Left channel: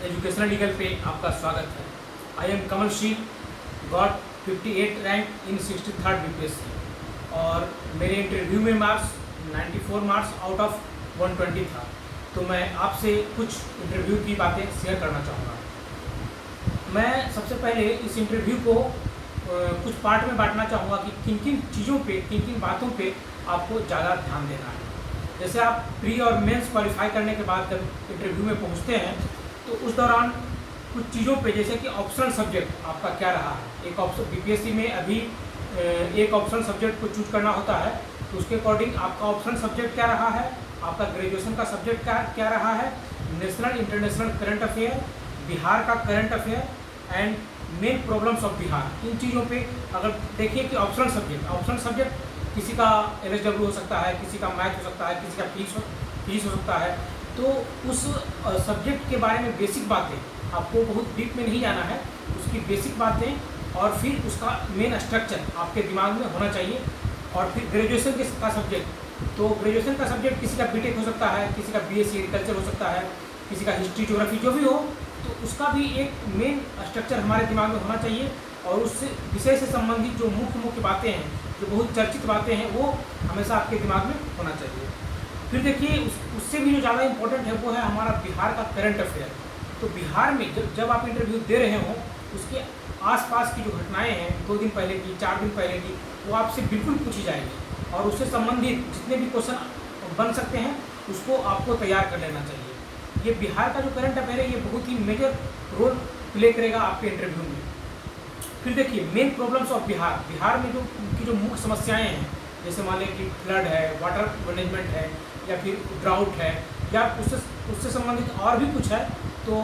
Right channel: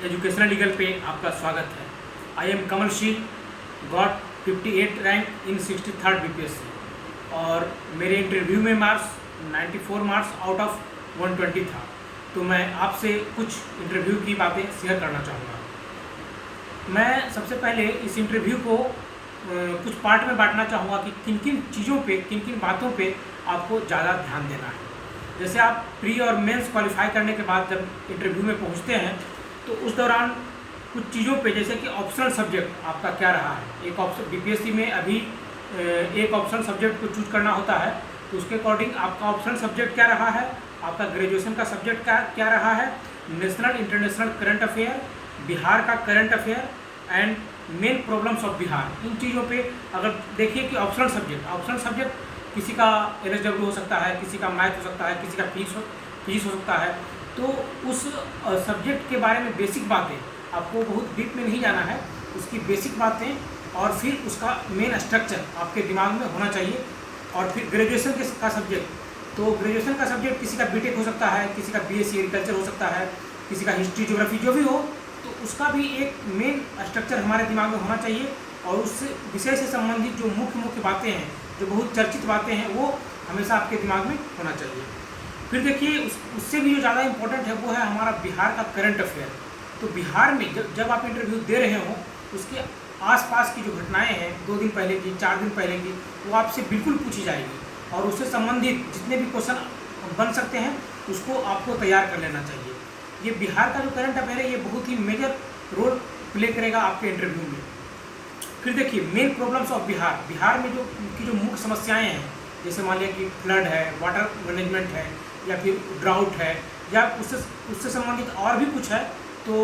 Educational legal पे आपका स्वागत है। आई एम कमल शील, got 58 rank in 63rd BPSC और मेरे इंटरव्यू में मार्क्स 94 मार्क्स आउट ऑफ 120 था। तो मैं आपसे कुछ इंटरव्यू की बातें शेयर करना चाहूँगा। मैं सबसे पहले इस इंटरव्यू को कुछ पार्ट में बांटना चाहूँगा कि किन किन चीज़ों पे, किन किन बातों पे आपको ज़्यादा ध्यान देना है। जैसे आप प्री और मेंस क्वालिफाई करने के बाद जब इंटरव्यू में पहुँचते हैं तो उस दौरान कुछ चीज़ों पे, जैसे कि ऑप्शनल सब्जेक्ट आपका क्या रहा है। एक ऑप्शन बीपीएससी में अभी एक ऑप्शनल सब्जेक्ट को चूज करना होता है, तो उसके अकॉर्डिंग आपका ऑप्शनल सब्जेक्ट क्या रहा है, आपका ग्रेजुएशन का सब्जेक्ट क्या रहा है, national international current affair, Bihar का current affair and main problems of Bihar. इन चीज़ों पे अगर देखिए कि ऑप्शनल सब्जेक्ट किसी का एलएसडब्ल्यू हो सकता है, किसी का मैथ हो सकता है, किसी का फीस हो सकता है। तो उस सब्जेक्ट के बारे में बेसिक बातें, आपको बहुत डीप में नहीं जाना है, उसकी बेसिक बातें और फिर उसका मेन स्ट्रक्चर आपके दिमाग में होना चाहिए। और फिर ग्रेजुएशन का सब्जेक्ट, तो ग्रेजुएशन का सब्जेक्ट किसी का बीटेक हो सकता है, किसी का बीएससी एग्रीकल्चर हो सकता है, किसी का हिस्ट्री ज्योग्राफी जो भी हो, तो उसका भी एक मेन स्ट्रक्चर हमारे दिमाग में होना चाहिए। और उस विषय से संबंधित जो मुख्य बातें हैं, जो बहुत चर्चित बातें हैं, वो हमेशा आपके दिमाग में होना चाहिए। फिर देखिए उससे भी जो ज़्यादा इम्पोर्टेंट है वो है हमारा बिहार का करंट अफेयर। तो बिहार में जब आप इंटरव्यू दे रहे हो, उसके आसपास की जो घटनाएं हैं 2 दिन पहले की, 4 दिन पहले की, वो आपसे बिल्कुल पूछी जाएगी और उससे संबंधित जितने भी क्वेश्चन बन सकते हैं उसको आपको तैयार कर लेना चाहिए। ये बिहार का जो करंट अफेयर है, ये बहुत ही मेजर रोल प्ले करेगा आपके इंटरव्यू में। फिर देखिए मेन प्रॉब्लम्स ऑफ बिहार में जो मुख्य समस्याएं हैं, जैसे मान लिया कि फ्लड है, वाटर मैनेजमेंट है, या फिर ड्राउट है, या उससे संबंधित और भी कुछ है, तो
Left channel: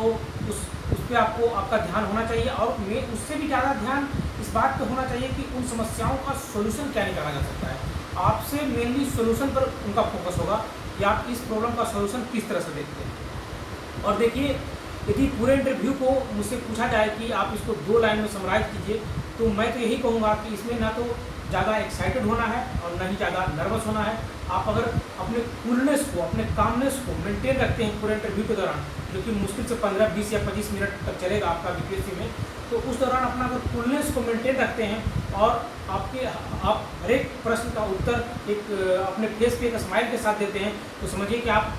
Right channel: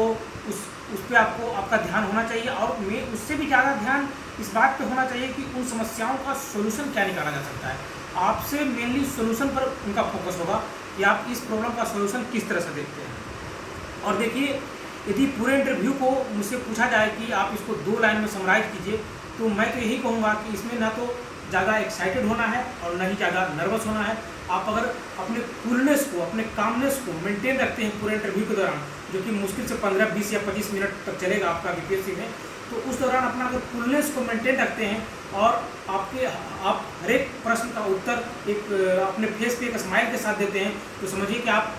उस पर आपका ध्यान होना चाहिए। और उससे भी ज़्यादा ध्यान इस बात पे होना चाहिए कि उन समस्याओं का सोल्यूशन क्या निकाला जा सकता है। आपसे मेनली सोल्यूशन पर उनका फोकस होगा कि आप इस प्रॉब्लम का सोल्यूशन किस तरह से देखते हैं। और देखिए यदि पूरे इंटरव्यू को मुझसे पूछा जाए कि आप इसको 2 लाइन में समराइज कीजिए, तो मैं तो यही कहूँगा कि इसमें ना तो ज़्यादा एक्साइटेड होना है और ना ही ज़्यादा नर्वस होना है। आप अगर अपने कूलनेस को, अपने कामनेस को मेंटेन रखते हैं पूरे इंटरव्यू के दौरान, जो कि मुश्किल से 15, 20 या 25 मिनट तक चलेगा आपका बीपीएससी में, तो उस दौरान अपना अगर कूलनेस को मेंटेन रखते हैं और आप हर एक प्रश्न का उत्तर एक अपने फेस पे एक स्माइल के साथ देते हैं, तो समझिए कि आप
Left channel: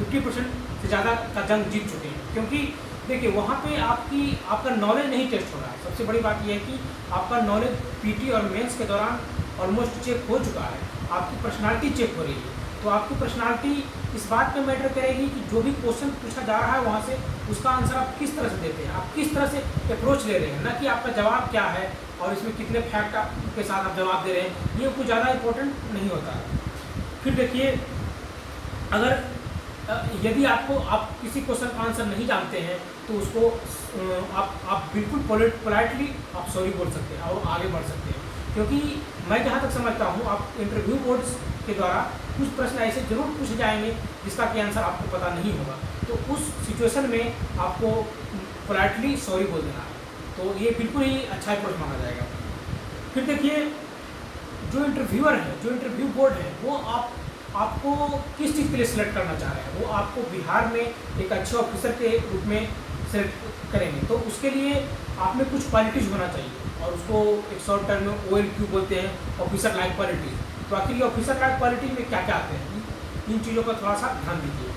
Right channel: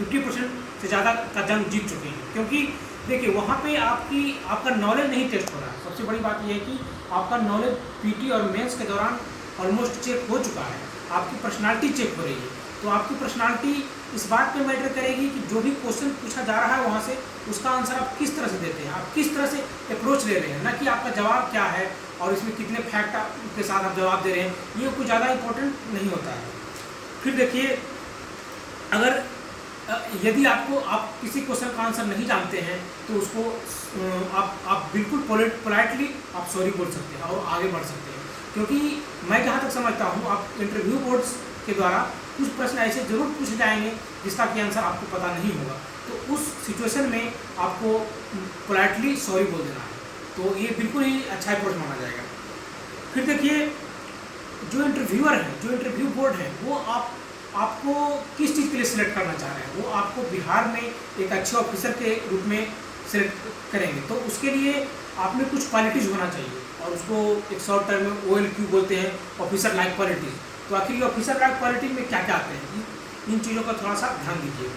50% से ज़्यादा का जंग जीत चुके हैं। क्योंकि देखिए वहाँ पे आपका नॉलेज नहीं टेस्ट हो रहा है। सबसे बड़ी बात यह है कि आपका नॉलेज पीटी और मेंस के दौरान ऑलमोस्ट चेक हो चुका है, आपकी पर्सनालिटी चेक हो रही है। तो आपकी पर्सनालिटी इस बात पे मैटर करेगी कि जो भी क्वेश्चन पूछा जा रहा है वहाँ से उसका आंसर आप किस तरह से देते हैं, आप किस तरह से अप्रोच ले रहे हैं, ना कि आपका जवाब क्या है और इसमें कितने फैक्ट के साथ आप जवाब दे रहे हैं। ये कुछ ज़्यादा इम्पोर्टेंट नहीं होता है। फिर देखिए अगर यदि आप किसी क्वेश्चन का आंसर नहीं जानते हैं, तो उसको आप बिल्कुल पोलाइटली आप सॉरी बोल सकते हैं और आगे बढ़ सकते हैं। क्योंकि मैं जहाँ तक समझता हूँ, आप इंटरव्यू बोर्ड्स के द्वारा कुछ प्रश्न ऐसे जरूर पूछे जाएंगे जिसका कि आंसर आपको पता नहीं होगा, तो उस सिचुएशन में आपको पोलाइटली सॉरी बोल देना है। तो ये बिल्कुल ही अच्छा अप्रोच माना जाएगा। फिर देखिए जो इंटरव्यूअर है, जो इंटरव्यू बोर्ड है, वो आपको किस चीज़ के लिए सिलेक्ट करना चाह रहे हैं। वो आपको बिहार में एक अच्छे ऑफिसर के रूप में सिलेक्ट करेंगे, तो उसके लिए आप में कुछ क्वालिटीज़ होना चाहिए, और उसको एक शॉर्ट टर्म में OLQ बोलते हैं, ऑफिसर लाइक क्वालिटीज़। तो आखिर ये ऑफिसर लाइक क्वालिटीज़ में क्या क्या आते हैं, इन चीज़ों का थोड़ा सा ध्यान दीजिए।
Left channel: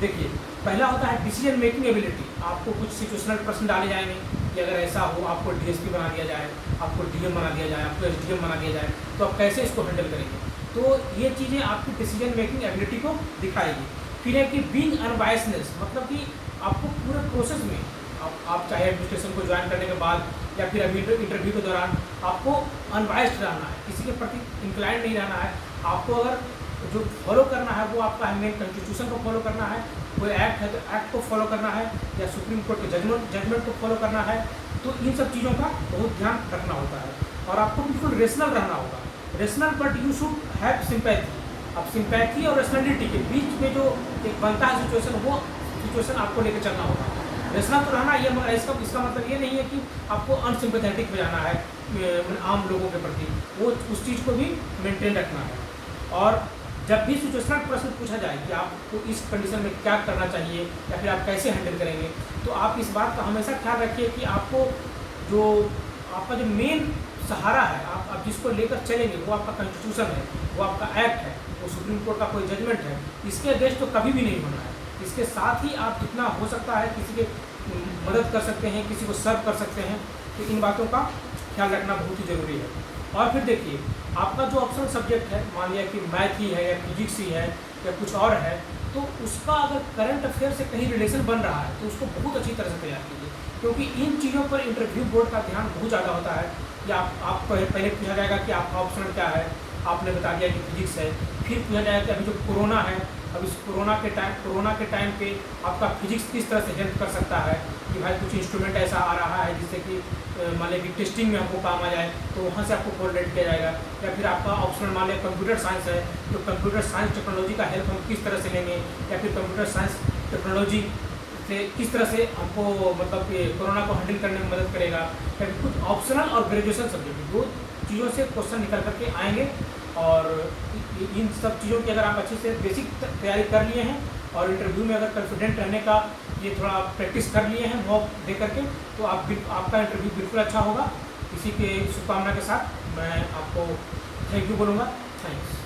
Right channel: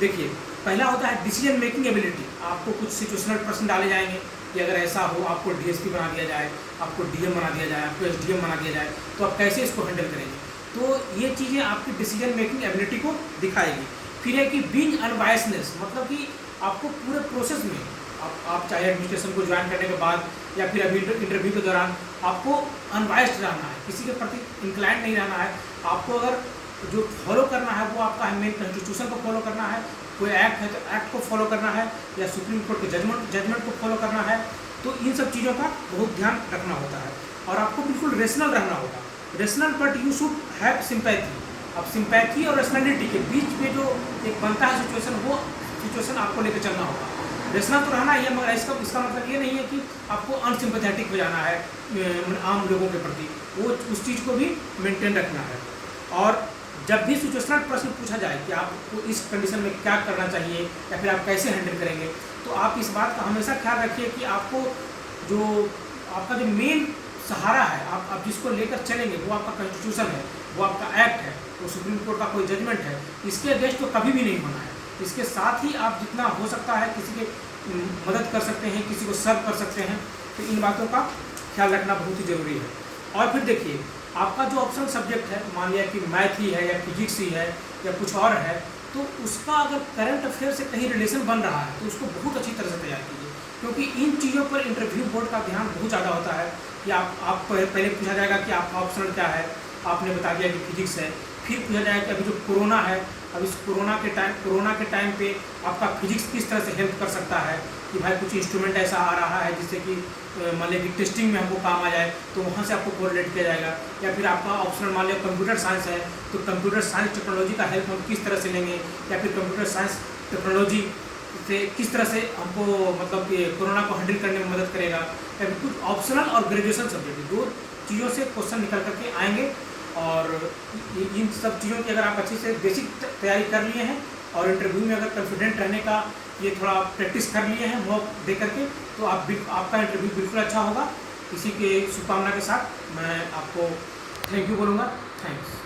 देखिए पहला होता है डिसीजन मेकिंग एबिलिटी। आपको कुछ सिचुएशनल प्रश्न डाले जाएंगे कि अगर ऐसा हो, आपको DSP बना दिया जाए, आपको DM बना दिया जाए, आपको SDM बना दिया जाए, तो आप कैसे इसको हैंडल करेंगे। तो ये चीज़ें आपकी डिसीजन मेकिंग एबिलिटी को दिखाएगी। फिर है कि बीइंग अनबायसनेस, मतलब कि आपको पूरे प्रोसेस में आप चाहे एडमिनिस्ट्रेशन को ज्वाइन करने के बाद या फिर अभी इंटरव्यू के दौरान आपको अनबायस्ड रहना है, किसी के प्रति इंक्लाइंड नहीं रहना है। आपको अगर जो फॉलो करना है वो आपका मेन कॉन्स्टिट्यूशन को फॉलो करना है, कोई एक्ट है तो एक्ट को फॉलो करना है, या सुप्रीम कोर्ट के जजमेंट को फॉलो करना है। तो इन सब चीज़ों का बहुत ध्यान रखना होता है और आपको बिल्कुल रेशनल रहना होगा। Rational but you should have sympathy. अब सिंपैथी और रेशनलिटी के बीच में जो एक बनता है सिचुएशन, वो सिचुएशन आपको लेकर चलना होगा। रेशनल तो रहना ये, मगर इसका मतलब ये नहीं है कि आपको अनसिम्पैथेटिक हो जाना है आम लोगों के प्रति, वो उस चीज़ को भी मेंटेन रखना है। और जब भी सिचुएशनल प्रश्न पूछा जाए कि आपको इस कंडीशन में क्या करना चाहिए या फिर आप कैसे हैंडल करेंगे, तो आप इस बात का हमेशा ख्याल रखिए कि आपको जो आपका जो मेन सहारा है, आप जिसको लेकर चलेंगे वो आपका कॉन्स्टिट्यूशन है, वो आपका एक्ट है, वो सुप्रीम कोर्ट का कोई जजमेंट है, इसके अगेंस्ट तो कभी भी नहीं होना है। इसके साथ ही आप जितना हो सकता है किसी के मदद कर सकते हैं, किसी को सर्व कर सकते हैं, तो इन बातों का ख्याल रखना बहुत ही ज़रूरी है। और फिर देखिए, आपका जो ऑप्शनल सब्जेक्ट है, मान लिया कि मैथ ही है या फिजिक्स ही है या कुछ और है, तो उसका अगर करंट अफेयर से कहीं रिलेशन बन रहा है तो उसको बहुत अच्छी तरह से तैयार कीजिए, क्योंकि इन चीज़ों पर इंटरव्यू बोर्ड का ध्यान बहुत ज़्यादा होता है कि आप पहले पूछा जाएगा कि आपका ऑप्शनल क्या है, आपने बता दिया कि फिजिक्स है, फिर पूछा जाएगा कि अभी जो कोरोना है, अब इस कोरोना के टाइम पे आपका फिजिक्स किस तरह से हेल्प कर सकता है, कि भाई कुछ इंस्ट्रूमेंट ऐसा आ रहा है जिससे कि मान लिया कि टेस्टिंग में हमको काम आ जाए, तो वहाँ से आपको कोरिलेट किया जाएगा। या फिर आपका ऑप्शनल मान लिया कंप्यूटर साइंस है, तो कंप्यूटर साइंस टेक्नोलॉजी का हेल्प हम किस तरह से लेंगे, या फिर कंप्यूटर साइंस टेक्नोलॉजी से किस तरह से हमको मतलब ये कोरोना को हैंडल करने में मदद करेगा। या फिर कुछ ऑप्शनल और ग्रेजुएशन सब्जेक्ट, दो चीज़ों से क्वेश्चन निकल करके आएंगे। और इन सब चीज़ों की अगर आप अच्छे से बेसिक तैयारी कर लिए हैं और इंटरव्यू में अगर कॉन्फिडेंट रहने का ये थोड़ा प्रैक्टिस कर लिए हैं मॉक दे करके, तो आपका इंटरव्यू बिल्कुल अच्छा होगा। इसी के शुभकामना के साथ मैं आपको थैंक यू बोलूँगा। थैंक्स।